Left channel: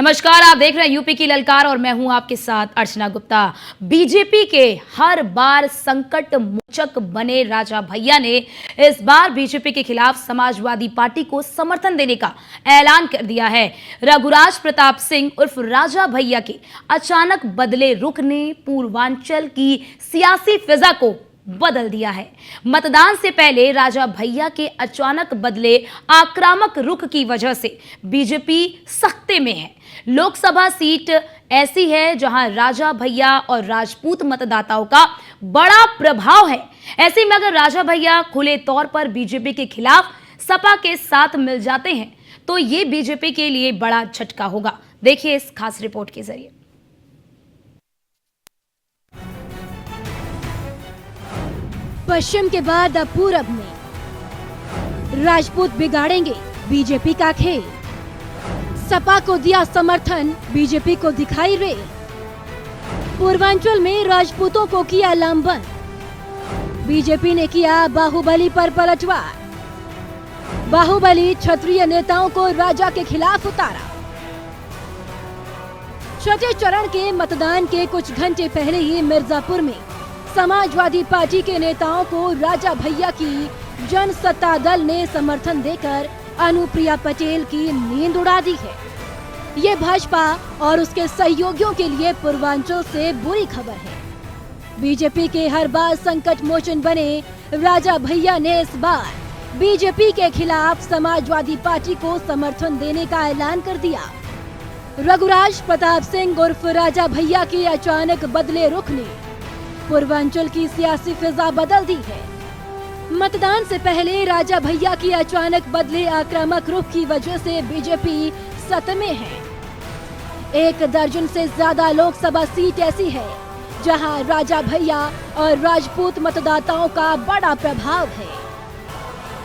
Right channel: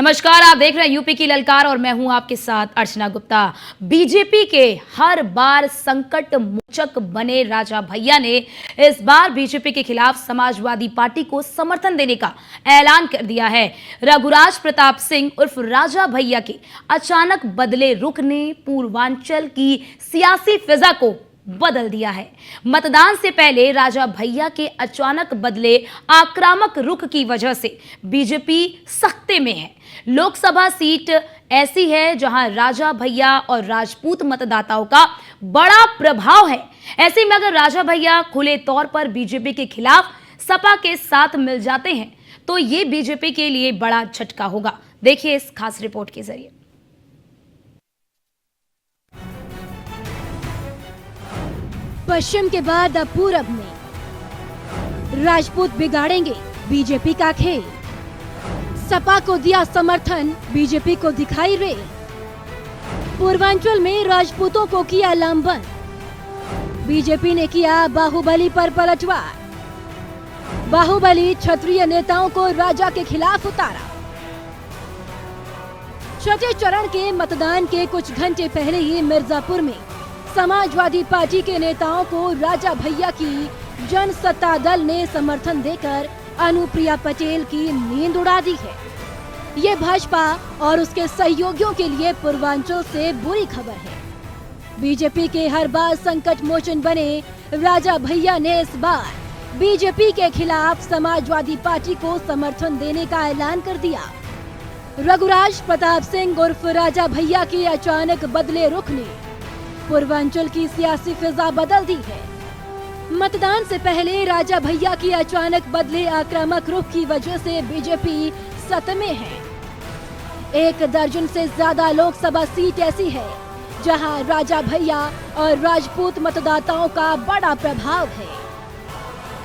नमस्कार, आप देख रहे हैं यूपी की ललकार और मैं हूं आपके साथ अर्चना गुप्ता। बीजेपी के हर बार संकट मोचक बने राजा भैया ने इस बार बीजेपी के खिलाफ समाजवादी पार्टी को समर्थन देने का ऐलान कर दिया है। रघुराज प्रताप सिंह उर्फ राजा भैया के अचानक बदले रुख ने पूर्वांचल की सियासी फिजा को बदल दिया है। मतदान से पहले राजा भैया के अचानक बदले आक्रामक रुख की वजह से बीजेपी सख्ते में है। लोकसभा सीट ऐसी है जहां राजा भैया और राजपूत मतदाताओं का बड़ा प्रभाव है। ऐसे में अगर राजा भैया खुले तौर पर बीजेपी के खिलाफ सपा के साथ मिल जाते हैं तो ये बीजेपी के लिए बड़ा झटका होगा। देखिए इस खास रिपोर्ट के जरिए। पश्चिम के बाद अब पूरब में राजपूत बिगाड़ेंगे बीजेपी का खेल। सपा को दिया समर्थन, बीजेपी को दिखाई रेल। पूर्वांचल में राजपूतों को किया लामबंद, बीजेपी ने किया बाहुबली पर पलटवार। बाहुबली क्षत्रिय नेताओं को राजा के खिलाफ उतारा। छठे चरण के मतदान के कुछ घंटे पहले ही मिर्जापुर में समाजवादी पार्टी के नेताओं को राजा भैया की जनसत्ता दल ने समर्थन देकर अनुप्रिया पटेल की नींद उड़ा दी है। ये भाजपा और उसके सहयोगियों के लिए पूर्वांचल से बुरी खबर है। बीजेपी के हर बार संकट मोचन बने राजा भैया ने इस बार बीजेपी के खिलाफ समाजवादी पार्टी को समर्थन देने का ऐलान कर दिया। रघुराज प्रताप सिंह उर्फ राजा भैया के अचानक बदले रुख ने पूर्वांचल की सियासी फिजा बदल दी है। मतदान से पहले राजा भैया की अचानक बदले आक्रामक रुख की वजह से बीजेपी सतमे है। 1 दर्जन से ज्यादा लोकसभा सीट ऐसी है जहां राजा भैया और राजपूत मतदाताओं का बड़ा प्रभाव है।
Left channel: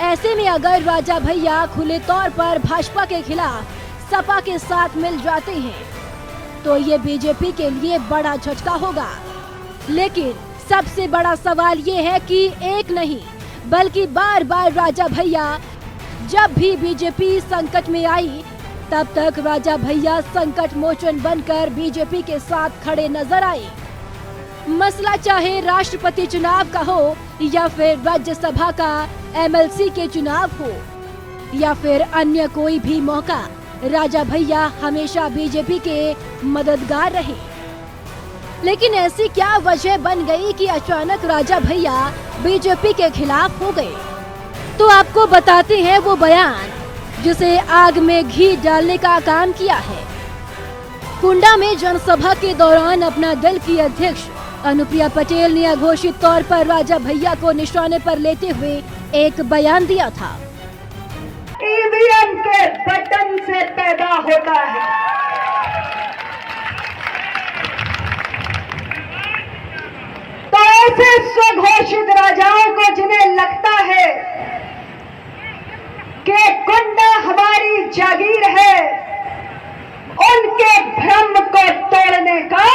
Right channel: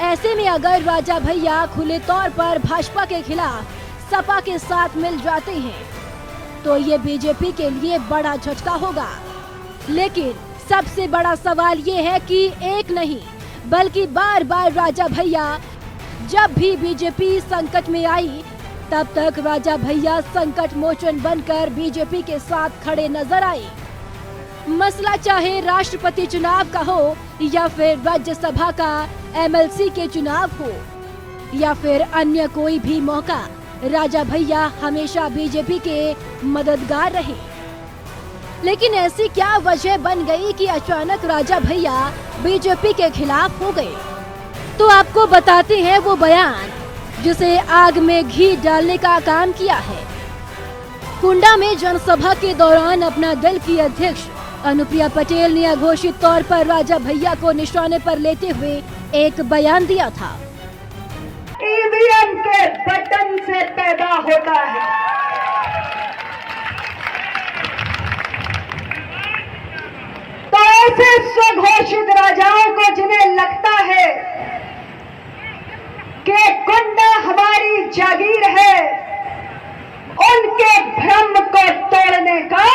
ऐसे में अगर राजा भैया खुले तौर पर भाजपा के खिलाफ सपा के साथ मिल जाते हैं तो ये बीजेपी के लिए बड़ा झटका होगा। लेकिन सबसे बड़ा सवाल ये है कि एक नहीं बल्कि बार बार राजा भैया जब भी बीजेपी संकट में आई तब तक राजा भैया संकट मोचन बनकर बीजेपी के साथ खड़े नजर आए। मसला चाहे राष्ट्रपति चुनाव का हो या फिर राज्यसभा का एमएलसी के चुनाव हो या फिर अन्य कोई भी मौका, राजा भैया हमेशा बीजेपी के मददगार रहे। लेकिन ऐसी क्या वजह बन गई कि अचानक राजा भैया बीजेपी के खिलाफ हो गए? तो आपको बताते हैं वो बयान जिसे आग में घी डालने का काम किया है। कुंडा में जनसभा के दौरान अपना दल की अध्यक्ष अनुप्रिया पटेल ने अघोषित तौर पर राजा भैया को निशाने पर लेते हुए एक बयान दिया था। ईवीएम के बटन से पैदा होता है, तो ऐसे स्वघोषित राजाओं को जिन्हें लगता है कि कुंडा हमारी जागीर है, उनके भ्रम को तोड़ने का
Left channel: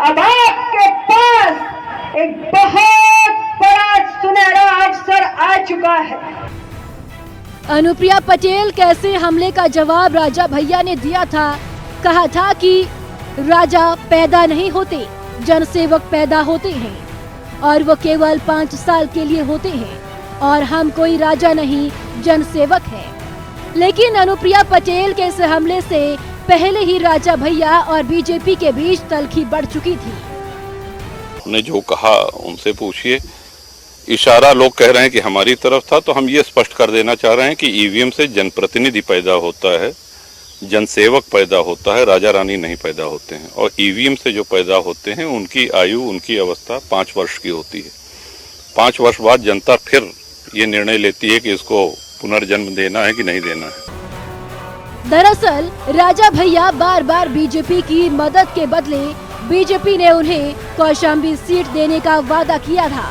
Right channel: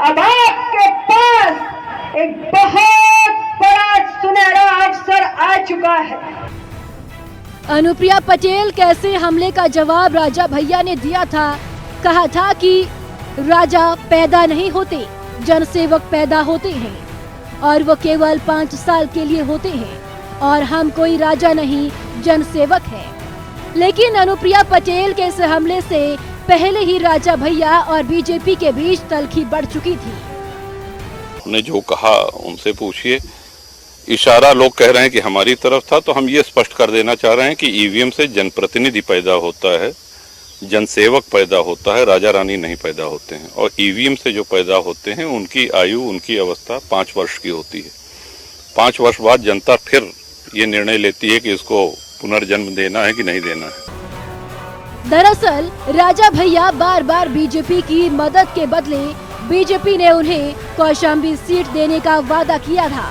अब आपके पास एक बहुत बड़ा सुनहरा अवसर आ चुका है। अनुप्रिया पटेल कैसे हमले का जवाब राजा भैया ने दिया था। कहा था कि राजा पैदा नहीं होते, जनसेवक पैदा होते हैं और वो केवल 5 साल के लिए होते हैं और हम कोई राजा नहीं, जनसेवक हैं। लेकिन अनुप्रिया पटेल के इस हमले से पहले ही राजा भैया और बीजेपी के बीच तल्खी बढ़ चुकी थी। ने जो कहा उनसे पूछिए। इशारा लोग कह रहे हैं कि हमारी तरफ था, तो हम ये स्पष्ट कर देना चाह रहे हैं कि ईवीएम से जनप्रतिनिधि पैदा होता है, जनसेवक पैदा होता है, राजा रानी नहीं पैदा होते हैं। और ईवीएम से जो पैदा होते हैं उनकी आयु, उनकी अवस्था 5 वर्ष की होती है। 5 वर्ष बाद जनता फिर ये निर्णय लेती है कि इसको पुनर्जन्म देना है कि नहीं देना है। दरअसल राजा भैया बार बार बीजेपी की मदद के बदले बीजेपी ने उन्हें कौशाम्बी सीट देने का वादा किया था।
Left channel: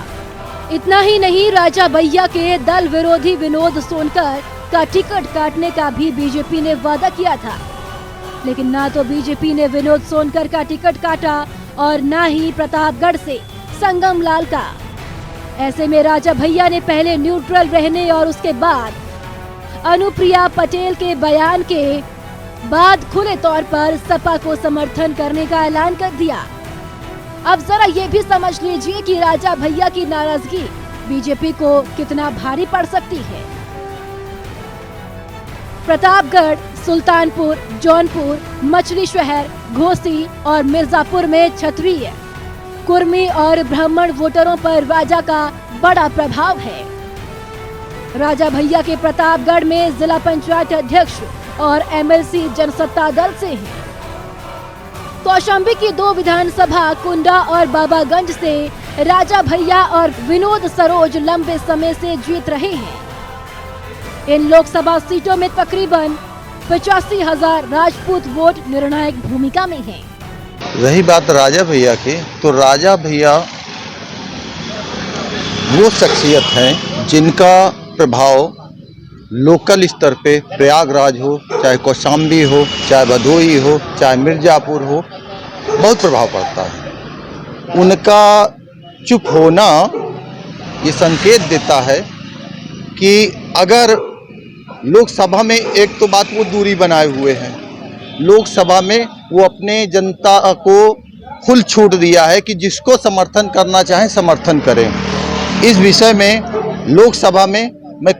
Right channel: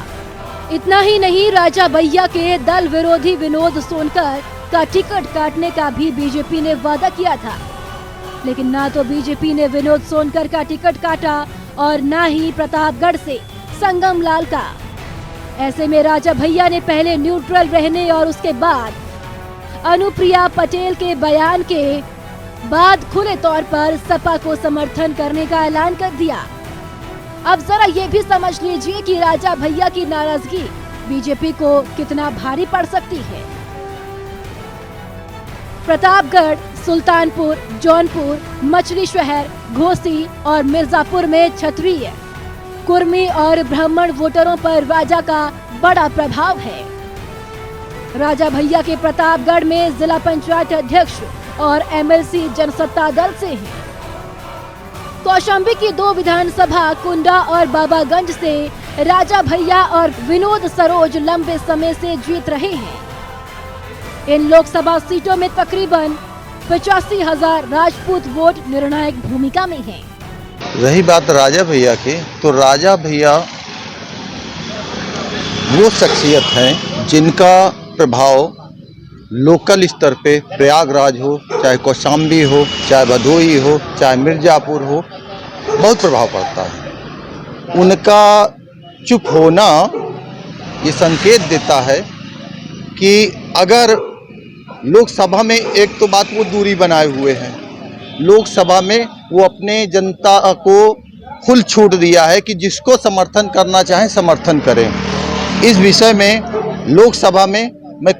इतना ही नहीं, राजा भैया के दल विरोधी विनोद सोनकर का टिकट काटने का भी बीजेपी ने वादा किया था। लेकिन ना तो बीजेपी ने विनोद सोनकर का टिकट काटा और ना ही प्रतापगढ़ से संगम लाल का। ऐसे में राजा भैया ने पहले न्यूट्रल रहने और उसके बाद अनुप्रिया पटेल के बयान के बाद खुले तौर पर सपा को समर्थन करने का ऐलान कर दिया। अब जरा ये भी समझ लीजिए कि राजा भैया की नाराजगी बीजेपी को कितना भारी पड़ सकती है। प्रतापगढ़, सुल्तानपुर, जौनपुर, मछली शहर, घोसी और मिर्जापुर में क्षत्रिय, कुर्मी और ब्राह्मण वोटरों पर राजा का बड़ा प्रभाव है। राजा भैया के प्रतापगढ़ में जिला पंचायत अध्यक्ष और एमएलसी जनसत्ता दल से हैं। कौशाम्बी की 2 विधानसभा कुंडा और बाबागंज से राजा भैया और विनोद सरोज लंबे समय से जीत रहे हैं। इन लोकसभा सीटों में तकरीबन 85,000 राजपूत वोट निर्णायक भूमिका में हैं। रही बात राजा भैया की, तो राजा भैया वो शख्सियत हैं जिनका प्रभाव लोकल स्तर पे प्रयागराज हो, चाहे कौशाम्बी हो, चाहे भदोही हो, चाहे मिर्जापुर हो, बहुत प्रभाव पड़ता है। उनका चुप होना ये संकेत देता है कि अगर लोकसभा में, एक तो बात वो दूरी बनाए हुए हैं, लोकसभा में वो अपने जनता को खुल छूट दिया है कि जिसको समर्थन करना चाहें समर्थन करें। इस विषय में लोकसभा में मैं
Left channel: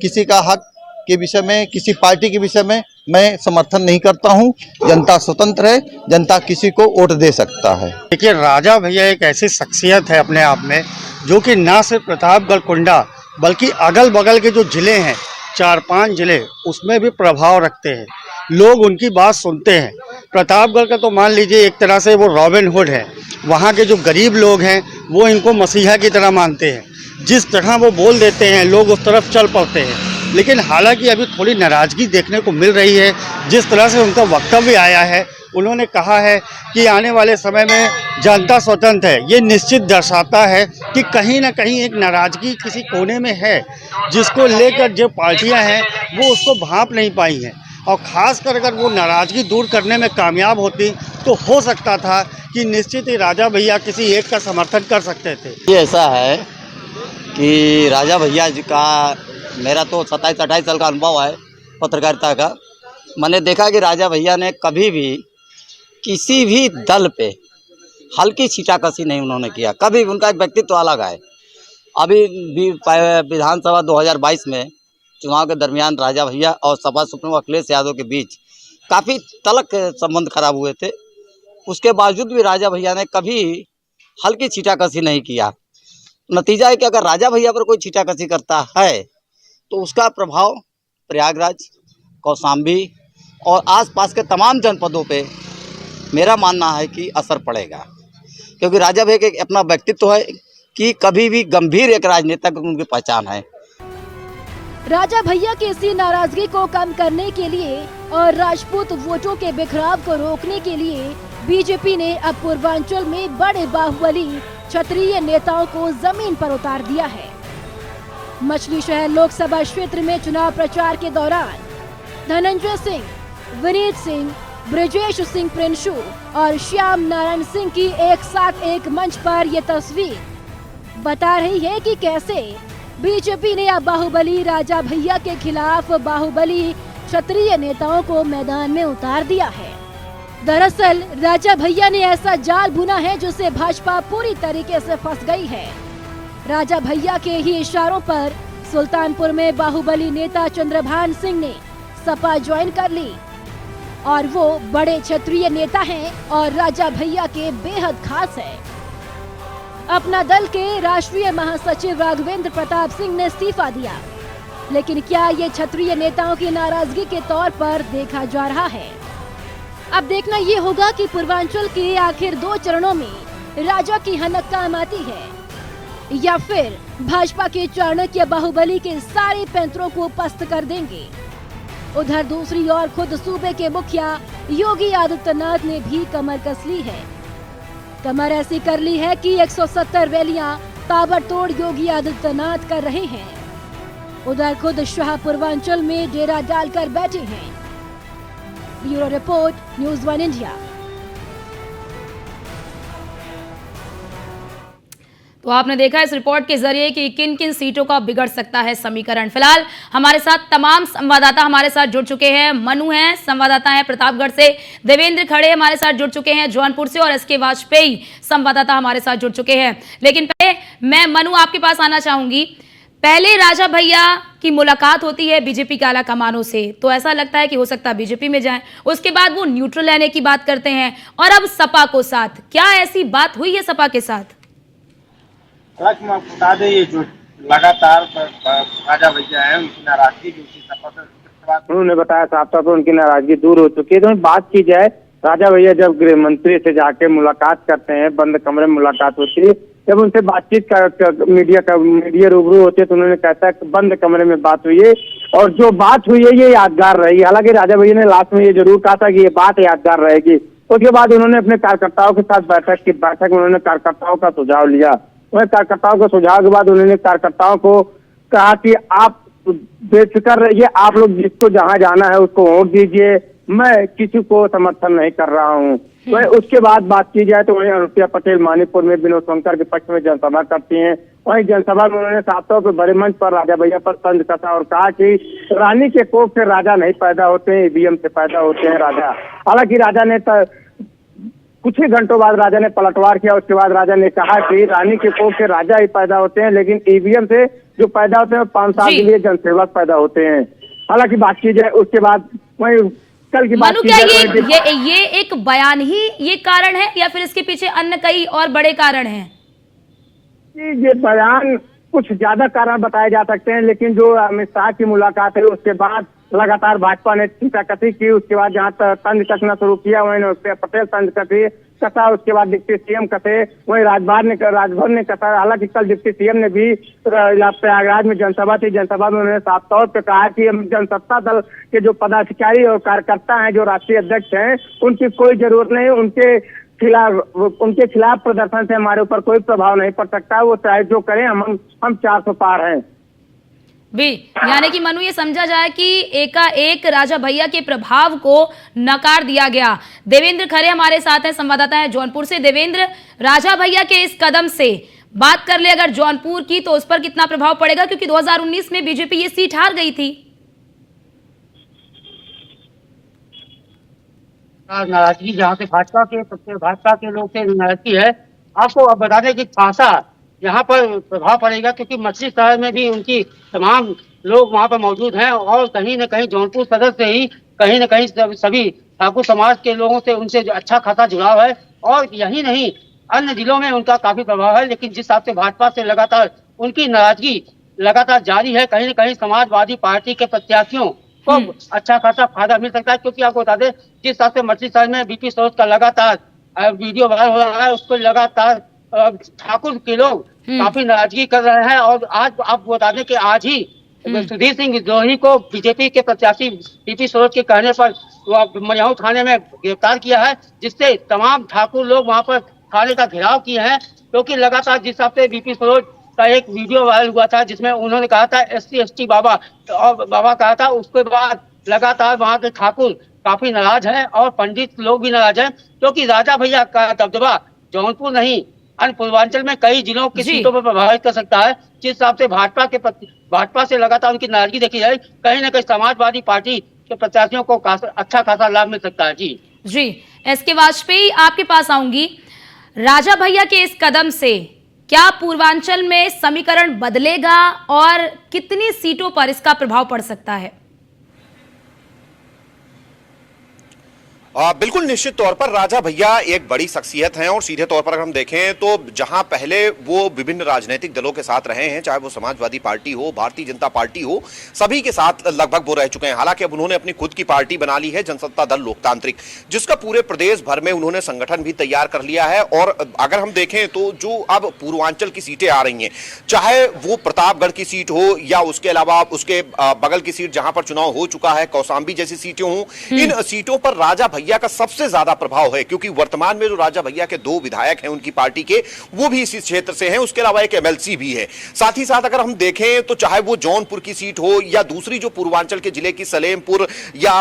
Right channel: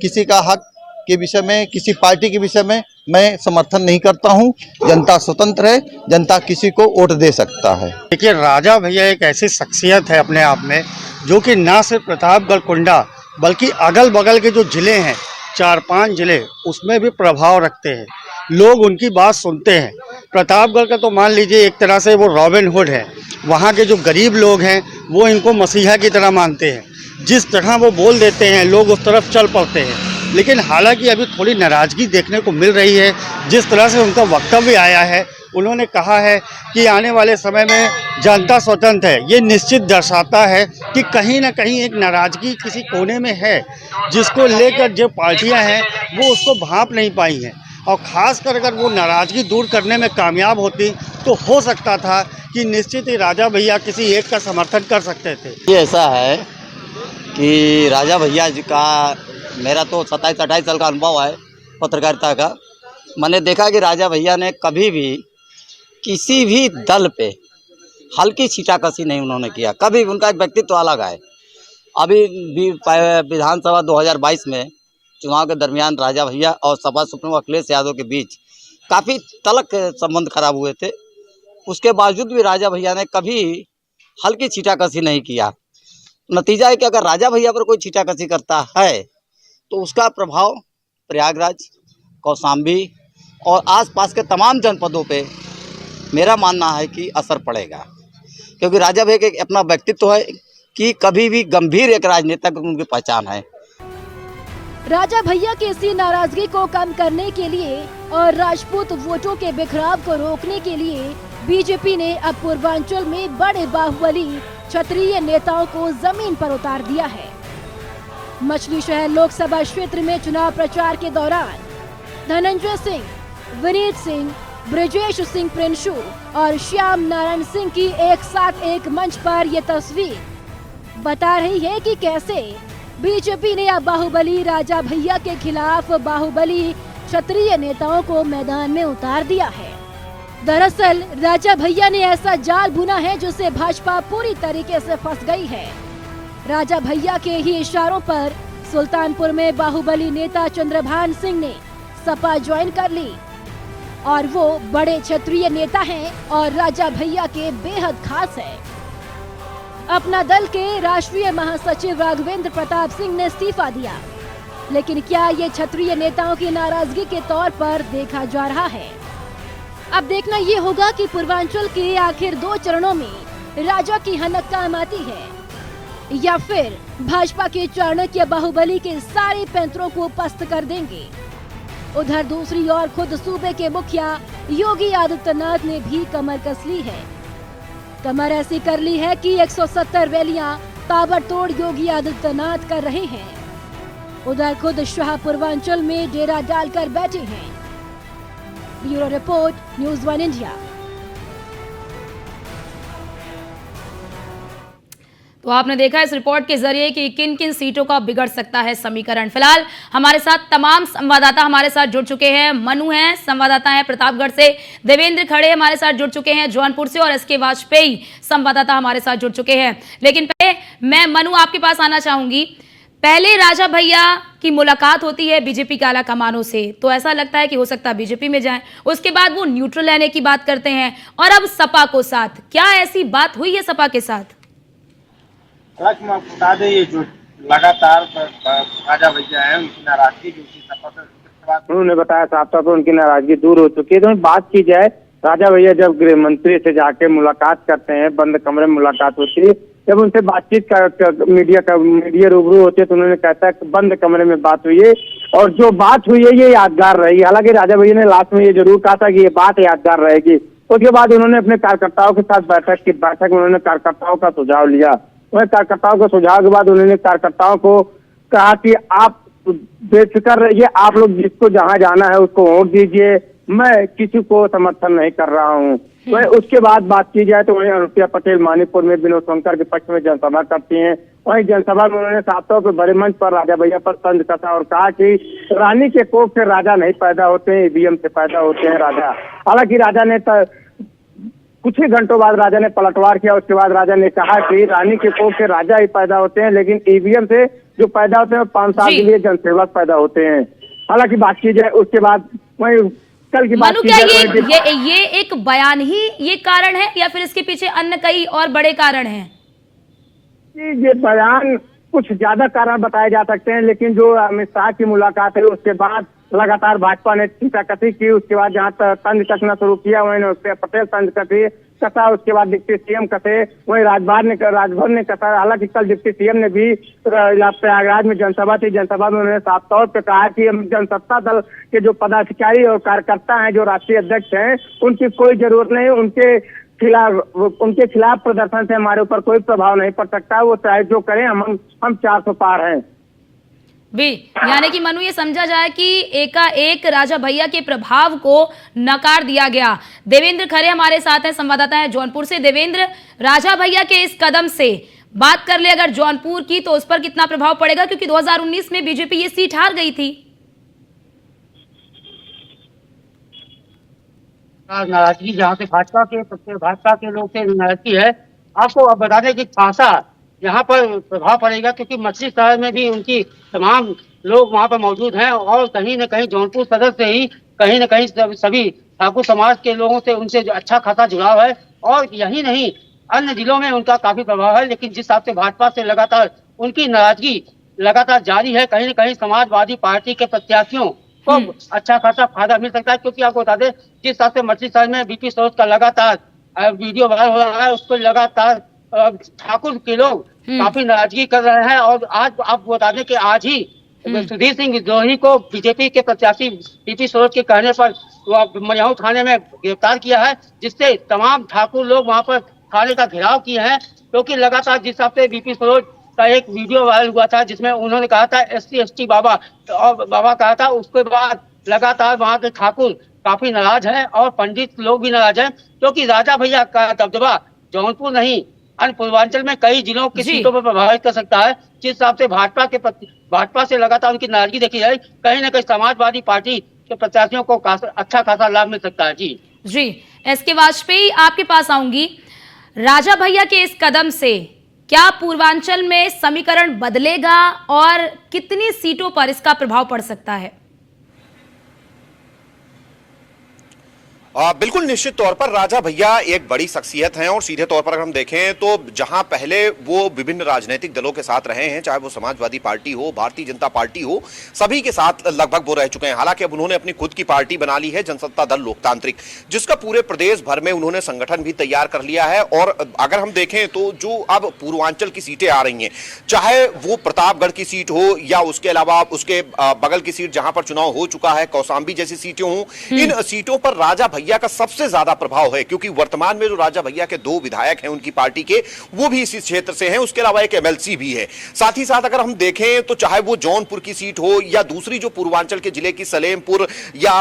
किसी का हक के विषय में, किसी पार्टी के विषय में मैं समर्थन नहीं करता हूं। जनता स्वतंत्र है, जनता किसी को वोट दे सकता है। देखिए, राजा भैया एक ऐसी शख्सियत है अपने आप में, जो कि न सिर्फ प्रतापगढ़ कुंडा बल्कि अगल बगल के जो जिले हैं, 4-5 जिले, उसमें भी प्रभाव रखते हैं। लोग उनकी बात सुनते हैं। प्रतापगढ़ का तो मान लीजिए एक तरह से वो रॉबिन हुड है। वहाँ के जो गरीब लोग हैं वो इनको मसीहा की तरह मानते हैं। जिस तरह वो बोल देते हैं लोग उस तरफ चल पड़ते हैं। लेकिन हालांकि अभी थोड़ी नाराज़गी देखने को मिल रही है। जिस तरह से उनका वक्तव्य आया है, उन्होंने कहा है कि आने वाले समय में जनता स्वतंत्र है। ये निश्चित दर्शाता है कि कहीं ना कहीं एक नाराज़गी किसी कोने में है, जिसको लेकर जो पार्टियां हैं वो उसको भांप नहीं पाई हैं। और ख़ासकर अगर वो नाराज़गी दूर करने में कामयाब होती तो हो सकता था कि निश्चित ही राजा भैया किसी एक का समर्थन कर सकते थे। ये ऐसा है कि राजा भैया जी का, मेरा तो 27-28 साल का अनुभव है पत्रकारिता का। मैंने देखा कि राजा भैया ने कभी भी किसी भी दल पे हल्की छींटाकशी नहीं उन्होंने किया कभी। उनका एक व्यक्तित्व अलग है। अभी भी विधानसभा 2022 में चुनाव के दरमियान राजा भैया और सपा सुप्रीमो अखिलेश यादव के बीच काफ़ी तलक संबंध खराब हुए थे। उसके बावजूद भी राजा भैया ने कभी हल्की छींटाकशी नहीं किया। नतीजा है कि अगर राजा भैया पर कोई छींटाकशी करता है तो उसका प्रभाव प्रयागराज, कौशाम्बी और आसपास के तमाम जनपदों पे मेरा मानना है कि असर पड़ेगा। क्योंकि राजा भैया का अपना व्यक्तित्व है कि कभी भी गंभीर एक राजनेता की उनकी पहचान है। राजा भैया की इसी नाराजगी को कम करने के लिए और राजपूत वोटों के बिखराव को रोकने के लिए बीजेपी ने अब पूर्वांचल में बड़े बाहुबली क्षत्रिय नेताओं को जमीन पर उतार दिया है। मछली शहर लोकसभा क्षेत्र में चुनाव प्रचार के दौरान धनंजय सिंह, विनीत सिंह, ब्रजेश सिंह प्रिंशू और श्याम नारायण सिंह की एक साथ एक मंच पर ये तस्वीर बता रही है कि कैसे बीजेपी ने अब बाहुबली राजा भैया के खिलाफ बाहुबली क्षत्रिय नेताओं को मैदान में उतार दिया है। दरअसल राजा भैया ने ऐसा जाल बुना है जिससे भाजपा पूरी तरीके से फंस गई है। राजा भैया के ही इशारों पर सुल्तानपुर में बाहुबली नेता चंद्रभान सिंह ने सपा ज्वाइन कर ली और वो बड़े क्षत्रिय नेता हैं और राजा भैया के बेहद खास है। अपना दल के राष्ट्रीय महासचिव राघवेंद्र प्रताप सिंह ने इस्तीफा दिया, लेकिन क्या ये क्षत्रिय नेताओं की नाराजगी के तौर पर देखा जा रहा है? अब देखना ये होगा कि पूर्वांचल के आखिर 2 चरणों में राजा की हनक काम आती है या फिर भाजपा के चाणक्य बाहुबली के सारे पैंतरों को पस्त कर देंगे। उधर दूसरी ओर खुद सूबे के मुखिया योगी आदित्यनाथ ने भी कमर कस ली है। कमर ऐसी कर ली है कि 170 रैलियां ताबड़तोड़ योगी आदित्यनाथ कर रहे हैं। उधर खुद शाह पूर्वांचल में डेरा डालकर बैठे हैं। Bureau report, news 1 India. तो आपने देखा इस रिपोर्ट के जरिए कि किन किन सीटों का बिगड़ सकता है समीकरण। फिलहाल हमारे साथ तमाम संवाददाता हमारे साथ जुड़ चुके हैं। मनु हैं संवाददाता हैं प्रतापगढ़ से, देवेंद्र खड़े हमारे साथ जुड़ चुके हैं जौनपुर से, और एसके वाजपेयी संवाददाता हमारे साथ जुड़ चुके हैं। लेकिन पहले मैं मनु आपके पास आना चाहूंगी। पहले राजा भैया की मुलाकात होती है बीजेपी के आला कमानों से, तो ऐसा लगता है कि हो सकता है बीजेपी में जाएं। उसके बाद वो न्यूट्रल रहने की बात करते हैं, और अब सपा को साथ। क्या ऐसी बात हुई है सपा के साथ? बता दें, ये जो लगातार राजा भैया है उनकी नाराजगी जो सपा से उन्होंने बताया साफ तौर पर उनकी नाराजगी दूर हो चुकी है। तो बात की जाए, राजा भैया जब गृह मंत्री से जाके मुलाकात करते हैं, बंद कमरे में मुलाकात होती है, जब उनसे बातचीत मीडिया रूबरू होती है तो उन्होंने कहता है कि बंद कमरे में बात हुई है, और जो बात हुई है ये यादगार रहेगी। हालांकि राजा भैया ने लास्ट में ये जरूर कहा था कि ये बात यादगार रहेगी। उसके बाद उन्होंने अपने कार्यकर्ताओं के साथ बैठक में उन्होंने कार्यकर्ताओं का सुझाव लिया। वह कार्यकर्ताओं के सुझाव के बाद उन्होंने कार्यकर्ताओं को कहा कि आप बेफिक्र रहिए, आप लोग जिसको जहां जाना है उसको वोट दीजिए, मैं किसी को समर्थन नहीं कर रहा हूं। वह उसके बाद बात की जाए तो वहीं अनुप्रिया पटेल मानीपुर में विनोद शंकर के पक्ष में जनसभा करती हैं। वहीं जनसभा में उन्होंने साफ तौर पर बड़े मंच पर राजा भैया पर तंज कसा और कहा कि रानी के कोख से राजा नहीं पैदा होते हैं, ईवीएम से पैदा होते हैं राजा। हालांकि राजा ने कुछ ही घंटों बाद राजा ने पलटवार किया। उसके बाद राजा ने कहा कि रानी के कोख से राजा ही पैदा होते हैं, लेकिन ईवीएम से जो पैदा होते हैं 5 साल के लिए जनसेवक पैदा होते हैं। हालांकि बात की जाए उसके बाद वही कल की बात की जाए, ये एक बयान ही ये कारण है या फिर इसके पीछे अन्य कई और बड़े कारण हैं? ये बयान कुछ ज्यादा कारण बताए जा सकते हैं, लेकिन जो अमित शाह की मुलाकात है उसके बाद लगातार भाजपा ने टीकाकती की। उसके बाद जहाँ तंज कसना शुरू किया वहीं पटेल तंज कसा, उसके बाद डिप्टी सीएम कसे, वहीं राजभर ने कसा। हालांकि कल डिप्टी सीएम ने भी प्रयागराज में जनसभा थी, जनसभा में उन्होंने साफ तौर पर कहा कि हम जनसत्ता दल के जो पदाधिकारी और कार्यकर्ता हैं, जो राष्ट्रीय अध्यक्ष हैं, उनकी कोई जरूरत नहीं, उनके खिलाफ प्रदर्शन से हमारे ऊपर कोई प्रभाव नहीं पड़ सकता, वो चाहे जो करें, हम 400 पार हैं। भी यानी कि मनु ये समझा जाए कि एकाएक राजा भैया के प्रभाव को नकार दिया गया। देवेंद्र खरे हमारे साथ हैं, संवाददाता हैं जौनपुर से। देवेंद्र, राजा भैया के इस कदम से बात कर ले अगर जौनपुर की, तो उस पर कितना प्रभाव पड़ेगा, क्योंकि 2019 में बीजेपी ये सीट हार गई थी। नाराजगी जहाँ से भाजपा के लोग से नाराजगी है, आपको अब बता दें कि खासा यहाँ पर प्रभाव पड़ेगा, क्योंकि मछली शहर में भी उनकी तमाम लोग वहाँ पर मौजूद हैं, और कहीं न कहीं जौनपुर सदर से ही कहीं न कहीं सभी ठाकुर समाज के लोगों से उनसे अच्छा खासा जुड़ाव है, और यही नहीं अन्य जिलों में उनका काफी प्रभाव है। लेकिन जिस हिसाब से भाजपा से लगातार उनकी नाराजगी लगातार जारी है, कहीं न कहीं समाजवादी पार्टी के प्रत्याशियों को अच्छा खासा फायदा मिल सकता है। क्योंकि आपको बता दें, जिस हिसाब से मछली शहर में बीपी सरोज का लगातार वीडियो वायरल हो रहा है, उसको लगातार ठाकुर के लोग काफी नाराजगी कर रहे हैं। और आज आप बता दें कि आज ही सुधीर सिंह विद्रोही को बीजेपी के प्रत्याशी बीपी सरोज के कहने पर मयाऊ थाने में गिरफ्तार किया है, जिससे तमाम ठाकुर लोग वहां पर थाने का घेराव किए हैं। क्योंकि लगातार जिस हिसाब से बीपी सरोज का एक वीडियो वायरल हुआ था, जिसमें उन्होंने कहा था SC/ST बाबा और बाबा कहा था, उसके बाद लगातार वहां के ठाकुर काफी नाराज हैं और पंडित लोग भी नाराज हैं, क्योंकि राजा भैया का दबदबा जौनपुर नहीं अन्य पूर्वांचल में कई जिलों की सीटों पर प्रभावित कर सकता है। जिस हिसाब से भाजपा से लगातार उनकी नाराजगी देखी जाए, कहीं न कहीं समाजवादी पार्टी के प्रत्याशियों को अच्छा खासा लाभ मिल सकता है। जी एसके वाजपेयी, आपके पास आऊंगी। राजा भैया के इस कदम से क्या पूर्वांचल में समीकरण बदलेगा और कितनी सीटों पर इसका प्रभाव पड़ सकता है? बिल्कुल निश्चित तौर पर राजा भैया एक बड़ी शख्सियत हैं, और सीधे तौर पर अगर हम देखें तो जहां पहले वो विभिन्न राजनीतिक दलों के साथ रहे हैं, चाहे वो समाजवादी पार्टी हो, भारतीय जनता पार्टी हो, सभी के साथ लगभग वो रह चुके हैं। हालांकि अब उन्होंने अपनी खुद की पार्टी बना ली है, जनसत्ता दल लोकतांत्रिक, जिसका पूरे प्रदेश भर में उन्होंने संगठन भी तैयार कर लिया है। और अगर हम देखें तो जो अब पूर्वांचल की सीटें आ रही हैं, चाहे वो प्रतापगढ़ की सीट हो या उसके अलावा उसके बगल की सीट जहां पर चुनाव हो चुका है, कौशाम्बी जैसी सीटें हों, इन सीटों पर राजा भैया का सबसे ज्यादा प्रभाव है, क्योंकि वर्तमान में जो राजा भैया के 2 विधायक हैं उनकी पार्टी के, वो भी इसी क्षेत्र से हैं। उसके अलावा एक एमएलसी भी है। साथ ही साथ अगर हम देखें तो चाहे वो जौनपुर की सीट हो या दूसरी जो पूर्वांचल के जिले की सलेमपुर या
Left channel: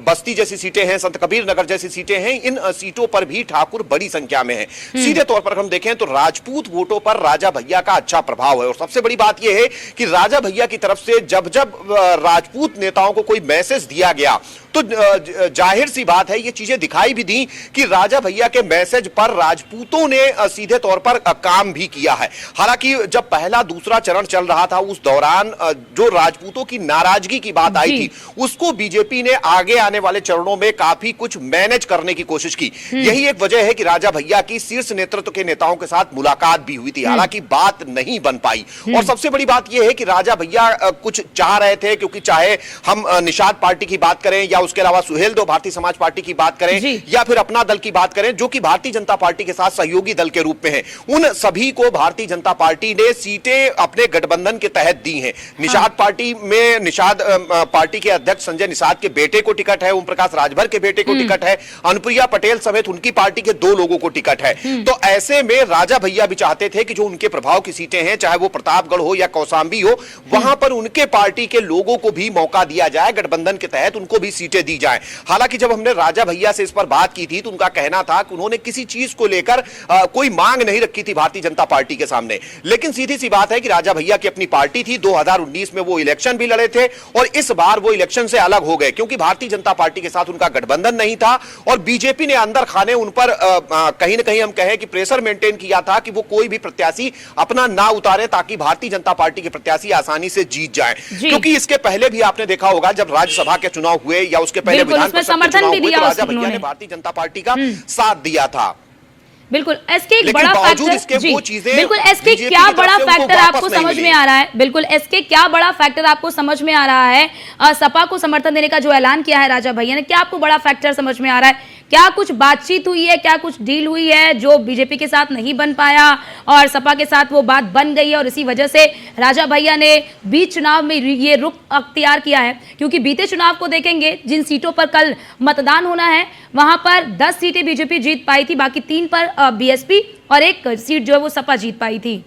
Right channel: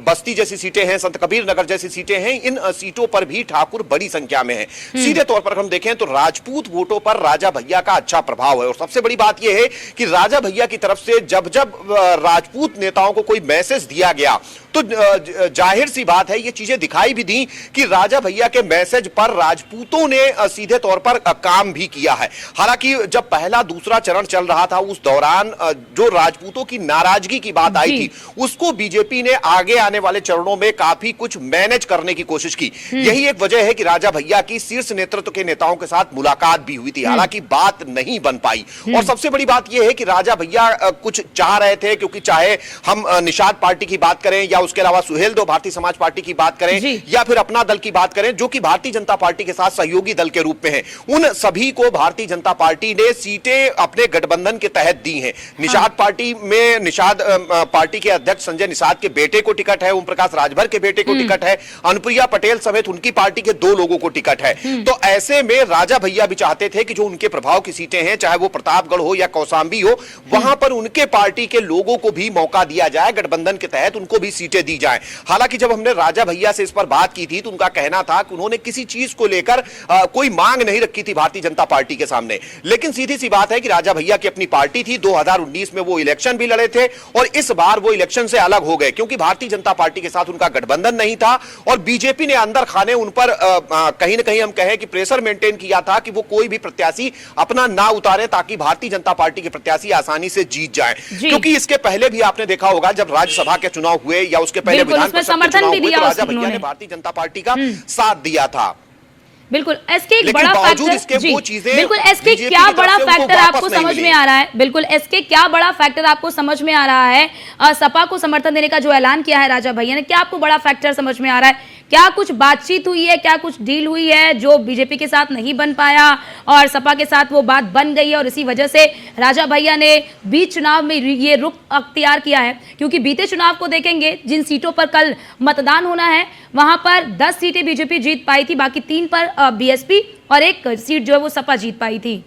बस्ती जैसी सीटें हैं, संत कबीर नगर जैसी सीटें हैं, इन सीटों पर भी ठाकुर बड़ी संख्या में है। सीधे तौर पर हम देखें तो राजपूत वोटों पर राजा भैया का अच्छा प्रभाव है। और सबसे बड़ी बात यह है कि राजा भैया की तरफ से जब जब राजपूत नेताओं को कोई मैसेज दिया गया तो जाहिर सी बात है, ये चीजें दिखाई भी दी कि राजा भैया के मैसेज पर राजपूतों ने सीधे तौर पर काम भी किया है। हालांकि जब पहला दूसरा चरण चल रहा था उस दौरान जो राजपूतों की नाराजगी की बात आई थी, उसको बीजेपी ने आगे आने वाले चरणों में काफी कुछ मैनेज करने की कोशिश की। यही एक वजह है कि राजा भैया की शीर्ष नेतृत्व के नेताओं के साथ मुलाकात भी हुई थी, हालांकि बात नहीं बन पाई। और सबसे बड़ी बात यह है कि राजा भैया कुछ चाह रहे थे, क्योंकि चाहे हम निषाद पार्टी की बात करें या उसके अलावा सुहेलदेव भारतीय समाज पार्टी की बात करें या फिर अपना दल की बात करें, जो कि भारतीय जनता पार्टी के साथ सहयोगी दल के रूप में है, उन सभी को भारतीय जनता पार्टी ने सीटें अपने गठबंधन के तहत दी हैं। निषाद पार्टी में निषाद पार्टी के अध्यक्ष संजय निषाद के बेटे को टिकट है, ओम प्रकाश राजभर के बेटे को टिकट है, अनुप्रिया पटेल समेत उनकी पार्टी के 2 लोगों को टिकट है। तो ऐसे में राजा भैया भी चाहते थे कि जो उनके प्रभाव की सीटें हैं, चाहे वो प्रतापगढ़ हो या कौशांबी हो, वहां पर उनके पार्टी के लोगों को भी मौका दिया जाए, गठबंधन के तहत उनको भी सीटें दी जाए। हालांकि जब हमने राजा भैया से इस पर बात की थी तो उनका कहना था कि उन्होंने किसी चीज को लेकर कोई मांग नहीं रखी थी भारतीय जनता पार्टी के सामने। लेकिन सीधी सी बात है कि राजा भैया की अपनी पार्टी थी, 2019 में वो इलेक्शन भी लड़े थे और इस बार वो इलेक्शन से अलग हो गए, क्योंकि भारतीय जनता पार्टी के साथ उनका गठबंधन नहीं था और बीजेपी ने अंदर खाने उन पर कहीं ना कहीं हम कहें कि प्रेशर मेंटेन किया था कि वो कोई भी प्रत्याशी अपना ना उतारे, ताकि भारतीय जनता पार्टी के प्रत्याशी आसानी से जीत जाए। क्योंकि इसके पहले भी आपने देखा होगा, जब राज्यसभा के चुनाव हुए या उसके पहले विधान परिषद के चुनाव हुए, तो राजा भैया ने भारतीय जनता पार्टी का साथ दिया था। बिल्कुल, एसके एक बड़ा फैक्टर जी, बिल्कुल एसके क्या बड़ा फैक्टर आपको समझ में आ रहा है? बिल्कुल एसके क्या बड़ा फैक्टर आपको समझ में आ रहा है? सपा को समर्थन देने का जो ऐलान किया है राजा भैया ने, क्या आपको बड़ा फैक्टर समझ में आ रहा है? क्या कुछ बातचीत हुई है, क्या कुछ डील हुई है जो बीजेपी के साथ नहीं बन पाया और सपा के साथ वो बात बन गई है और इसी वजह से राजा भैया ने बीच चुनाव में ये रुख अख्तियार किया है? क्योंकि बीते चुनाव को देखेंगे, जिन सीटों पर कल मतदान होना है वहां पर 10 सीटें बीजेपी जीत पाई थी, बाकी 3 पर बीएसपी और 1 सीट जो है वो सपा जीत पाई थी।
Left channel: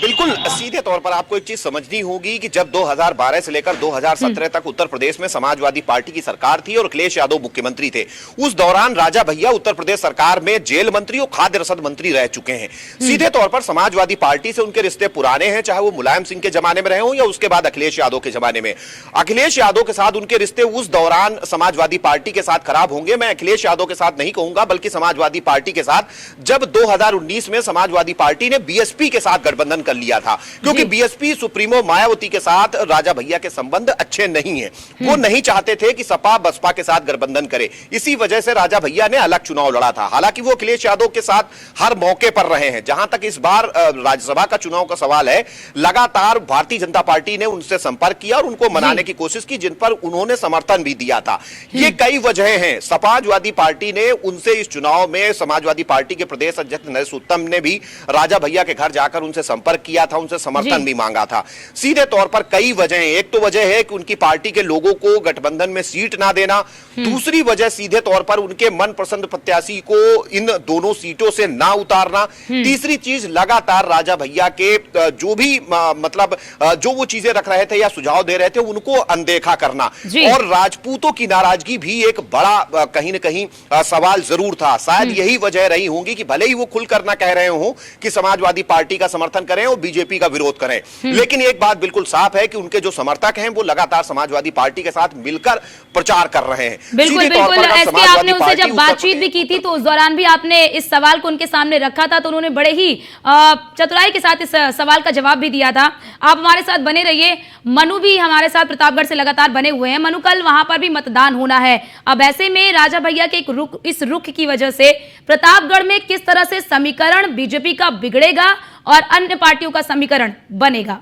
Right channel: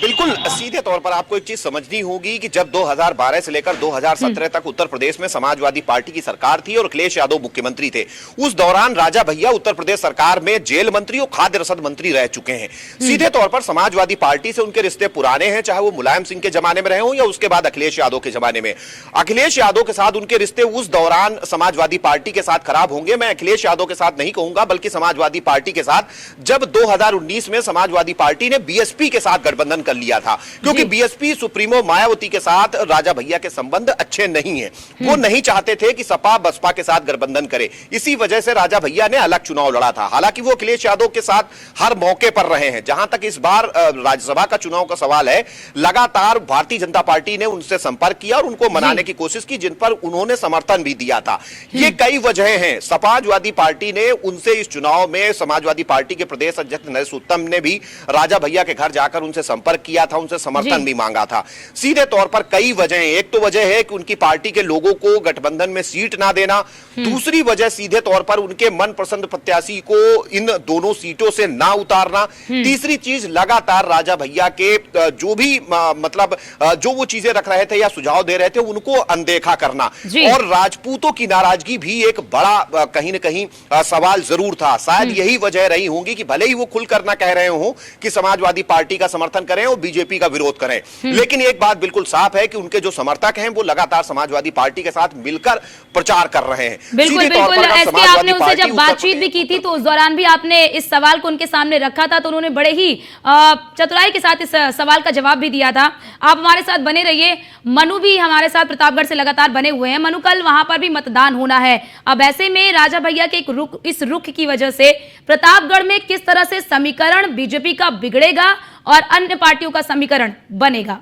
बिल्कुल सीधे तौर पर आपको एक चीज समझनी होगी कि जब 2012 से लेकर 2017 तक उत्तर प्रदेश में समाजवादी पार्टी की सरकार थी और अखिलेश यादव मुख्यमंत्री थे, उस दौरान राजा भैया उत्तर प्रदेश सरकार में जेल मंत्री और खाद्य रसद मंत्री रह चुके हैं। सीधे तौर पर समाजवादी पार्टी से उनके रिश्ते पुराने हैं, चाहे वो मुलायम सिंह के जमाने में रहे हो या उसके बाद अखिलेश यादव के जमाने में। अखिलेश यादव के साथ उनके रिश्ते उस दौरान समाजवादी पार्टी के साथ खराब होंगे, मैं अखिलेश यादव के साथ नहीं कहूंगा बल्कि समाजवादी पार्टी के साथ, जब 2019 में समाजवादी पार्टी ने बीएसपी के साथ गठबंधन कर लिया था, क्योंकि बीएसपी सुप्रीमो मायावती के साथ राजा भैया के संबंध अच्छे नहीं हैं। वो नहीं चाहते थे कि सपा बसपा के साथ गठबंधन करे, इसी वजह से राजा भैया ने अलग चुनाव लड़ा था। हालांकि वो अखिलेश यादव के साथ हर मौके पर रहे हैं। जहां तक इस बार राज्यसभा का चुनाव का सवाल है, लगातार भारतीय जनता पार्टी ने उनसे संपर्क किया और उनको मनाने की कोशिश की, जिन पर उन्होंने समर्थन भी दिया था। ये कई वजह हैं। समाजवादी पार्टी ने उनसे इस चुनाव में, समाजवादी पार्टी के प्रदेश अध्यक्ष नरेश उत्तम ने भी राजा भैया के घर जाकर उनसे संपर्क किया था, उनसे समर्थन भी मांगा था। सीधे तौर पर कई वजह, एक तो वजह है कि उनकी पार्टी के लोगों को गठबंधन में सीट ना देना, दूसरी वजह सीधे तौर पर उनके मनपसंद प्रत्याशी को इन दोनों सीटों से ना उतारना, तीसरी चीज लगातार राजा भैया के जो भी मतलब जो वो चीजें रख रहे थे या सुझाव दे रहे थे उनको अनदेखा करना, और राजपूतों की नाराजगी भी एक बड़ा कहीं ना कहीं सवाल जरूर था। शायद यही वजह रही होंगी कि भले ही वो खुलकर ना कह रहे हो कि समाजवादी पार्टी का समर्थन करें और बीजेपी का विरोध करें, लेकिन एक बात बिल्कुल साफ है कि उनके जो समर्थक हैं वो लगातार समाजवादी पार्टी के साथ मिलकर प्रचार कर रहे हैं। बिल्कुल बिल्कुल, एसके आपने उनसे जब बातचीत भी की थी तो उस दौरान भी आपने इस सवाल को उनके सामने रखा था, तो उन्होंने बड़े ही चतुराई के साथ इस सवाल का जवाब भी दिया था। आप हमारे साथ बने रहिए। मनु भी हमारे साथ प्रतापगढ़ से लगातार बने हुए हैं। मनु, कल वहां पर भी मतदान होना है। अब ऐसे में राजा भैया के इस रुख की वजह से प्रतापगढ़ में किस तरह से समीकरण बीजेपी का बिगड़ेगा और अन्य पार्टियों का समीकरण बनेगा?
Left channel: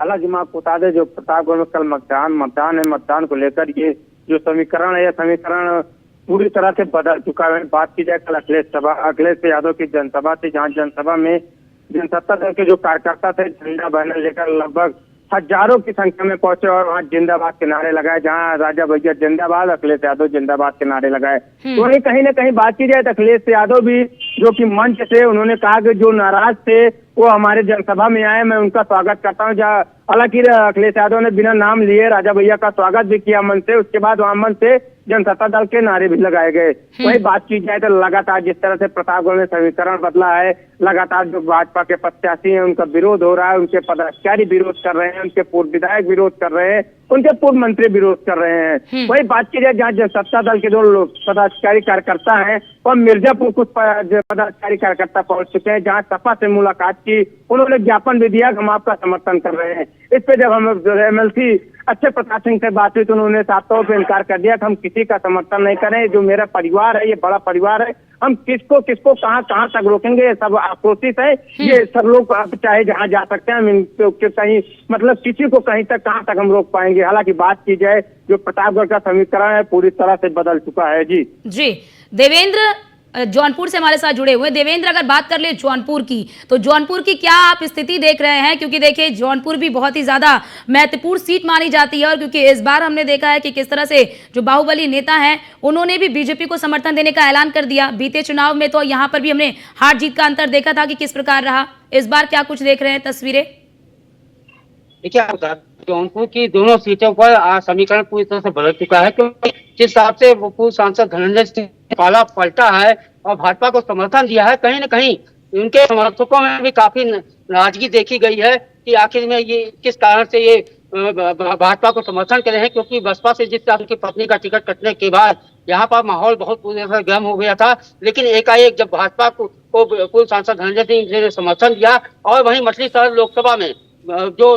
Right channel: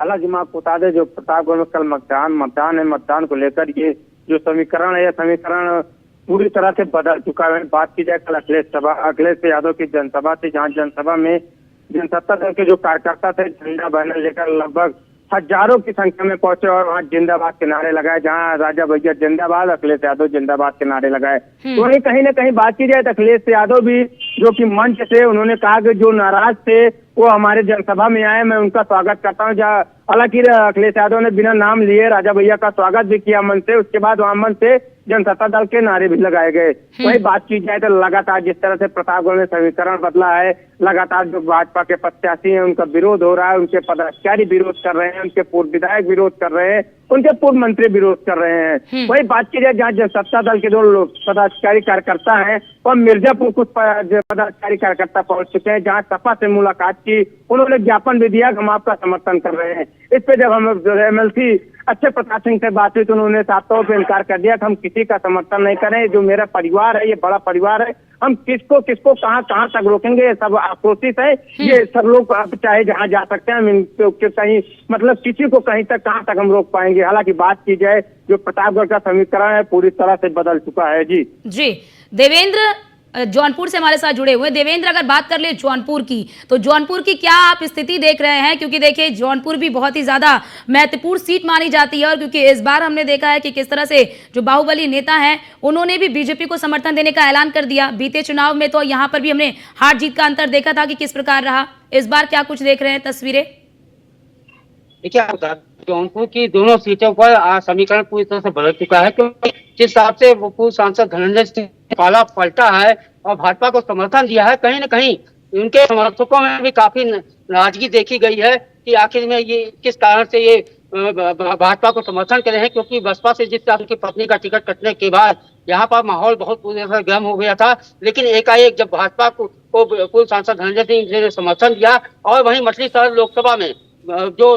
हालांकि मैं आपको बता दें, जो प्रतापगढ़ में कल मतदान है, मतदान को लेकर ये जो समीकरण है, यह समीकरण पूरी तरह से बदल चुका है। बात की जाए कल अखिलेश यादव की जनसभा थी, जहाँ जनसभा में जनसत्ता दल के जो कार्यकर्ता थे झंडा बैनर लेकर लगभग हजारों की संख्या में पहुंचे और वहाँ जिंदाबाद के नारे लगाए। जहाँ राजा भैया जिंदाबाद, अखिलेश यादव जिंदाबाद के नारे लगाए। तो वही कहीं ना कहीं बात की जाए तो अखिलेश यादव भी जो कि मंच से उन्होंने कहा कि जो नाराज थे वो हमारे जनसभा में आए, मैं उनका स्वागत करता हूँ। जहाँ हालांकि अखिलेश यादव ने बिना नाम लिए राजा भैया का स्वागत भी किया मंच से, उसके बाद वहाँ मंच से जनता दल के नारे भी लगाए गए। वही बात की जाए तो लगातार जिस तरह से प्रतापगढ़ में समीकरण बदला है, लगातार जो भाजपा के प्रत्याशी हैं उनका विरोध हो रहा है, उनके पदाधिकारी विरोध कर रहे हैं, उनके पूर्व विधायक विरोध कर रहे हैं, उनके पूर्व मंत्री विरोध कर रहे हैं। वही बात की जाए जहाँ सत्ता दल के दो लोग पदाधिकारी कार्यकर्ता हैं और मिर्जापुर कुछ पदाधिकारी कार्यकर्ता पहुंच चुके हैं, जहाँ सपा से मुलाकात की, उन्होंने ज्ञापन भी दिया कि हम आपका समर्थन कर रहे हैं। इस पे जब हम MLC अच्छे प्रकाश सिंह से बात हुई तो उन्होंने साफ तौर पर इनकार कर दिया कि हम किसी का समर्थन नहीं करें, जो मेरा परिवार है ये बड़ा परिवार है, हम किसको कहाँ तक रोकेंगे, ये सब आक्रोशित है, ये सब लोग आप चाहे जहाँ जा सकते हैं, हम इनको कहीं मतलब किसी को कहीं तक कहाँ तक हम रोक पाएंगे। हालांकि बात की जाए जो प्रतापगढ़ का समीकरण है पूरी तरह से बदल चुका है। जी देवेंद्र जौनपुर से हमारे साथ जुड़े हुए हैं। देवेंद्र, अगर बात कर ले जौनपुर की, तो जौनपुर की क्या आप स्थिति देख रहे हैं? क्योंकि देखिए जौनपुर भी बहुत ही ज्यादा महत्वपूर्ण सीट मानी जाती है, और क्योंकि इस बार हमने देखा है कि किस तरह से जो बाहुबली नेता हैं उन्होंने भी बीजेपी को समर्थन देने का ऐलान कर दिया। बीते चुनाव में तो यहाँ पर भी हमने हार जीत का अंतर देखा था कि किस प्रकार रहा। इस बार क्या कुछ देख रहे हैं तस्वीरें? देखिए जौनपुर की दोनों सीटों पर समीकरण पूरी तरह से बदल चुका है, क्योंकि जिस हिसाब से वो पूर्व सांसद धनंजय सिंह काला पलटा है और भाजपा को समर्थन दिया है, कहीं न कहीं उनके समर्थकों में भी काफी नाराजगी देखी गई है कि आखिर में ये किस कारण से ये भाजपा को समर्थन करे हैं। क्योंकि बसपा से जिस तरह उनकी पत्नी का टिकट कटने के बाद यहाँ पर माहौल बहुत पूरी तरह से गर्म हो गया था, लेकिन एकाएक जब भाजपा को पूर्व सांसद धनंजय सिंह ने समर्थन दिया, और वहीं मछली शहर लोकसभा में जो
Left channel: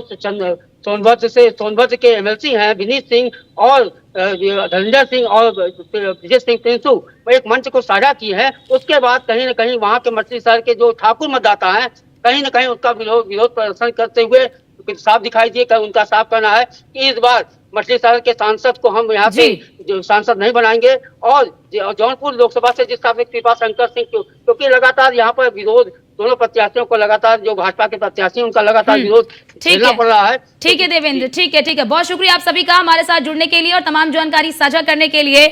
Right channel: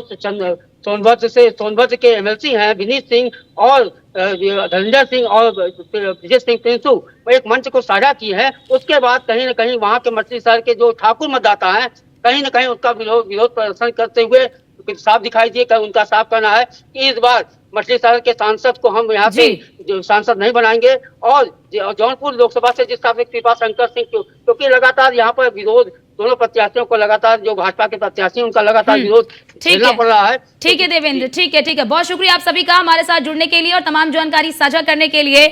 सोनभद्र के MLC हैं विनीत सिंह और धनंजय सिंह और विजय सिंह पिंसू वो एक मंच को साझा की है, उसके बाद कहीं न कहीं वहां के मछली शहर के जो ठाकुर मतदाता हैं कहीं न कहीं उसका विरोध प्रदर्शन करते हुए साफ दिखाई दिए। उनका साफ कहना है कि इस बार मछली शहर के सांसद को हम यहाँ से जो सांसद नहीं बनाएंगे, और जौनपुर लोकसभा से जिस तरह से कृपा शंकर सिंह, क्योंकि लगातार यहाँ पर विरोध दोनों प्रत्याशियों को लगातार जो भाजपा के प्रत्याशी उनका लगातार विरोध झेलना पड़ रहा है। ठीक है देवेंद्र, ठीक है, बहुत शुक्रिया आप सभी का हमारे साथ जुड़ने के लिए और तमाम जानकारी साझा करने के लिए।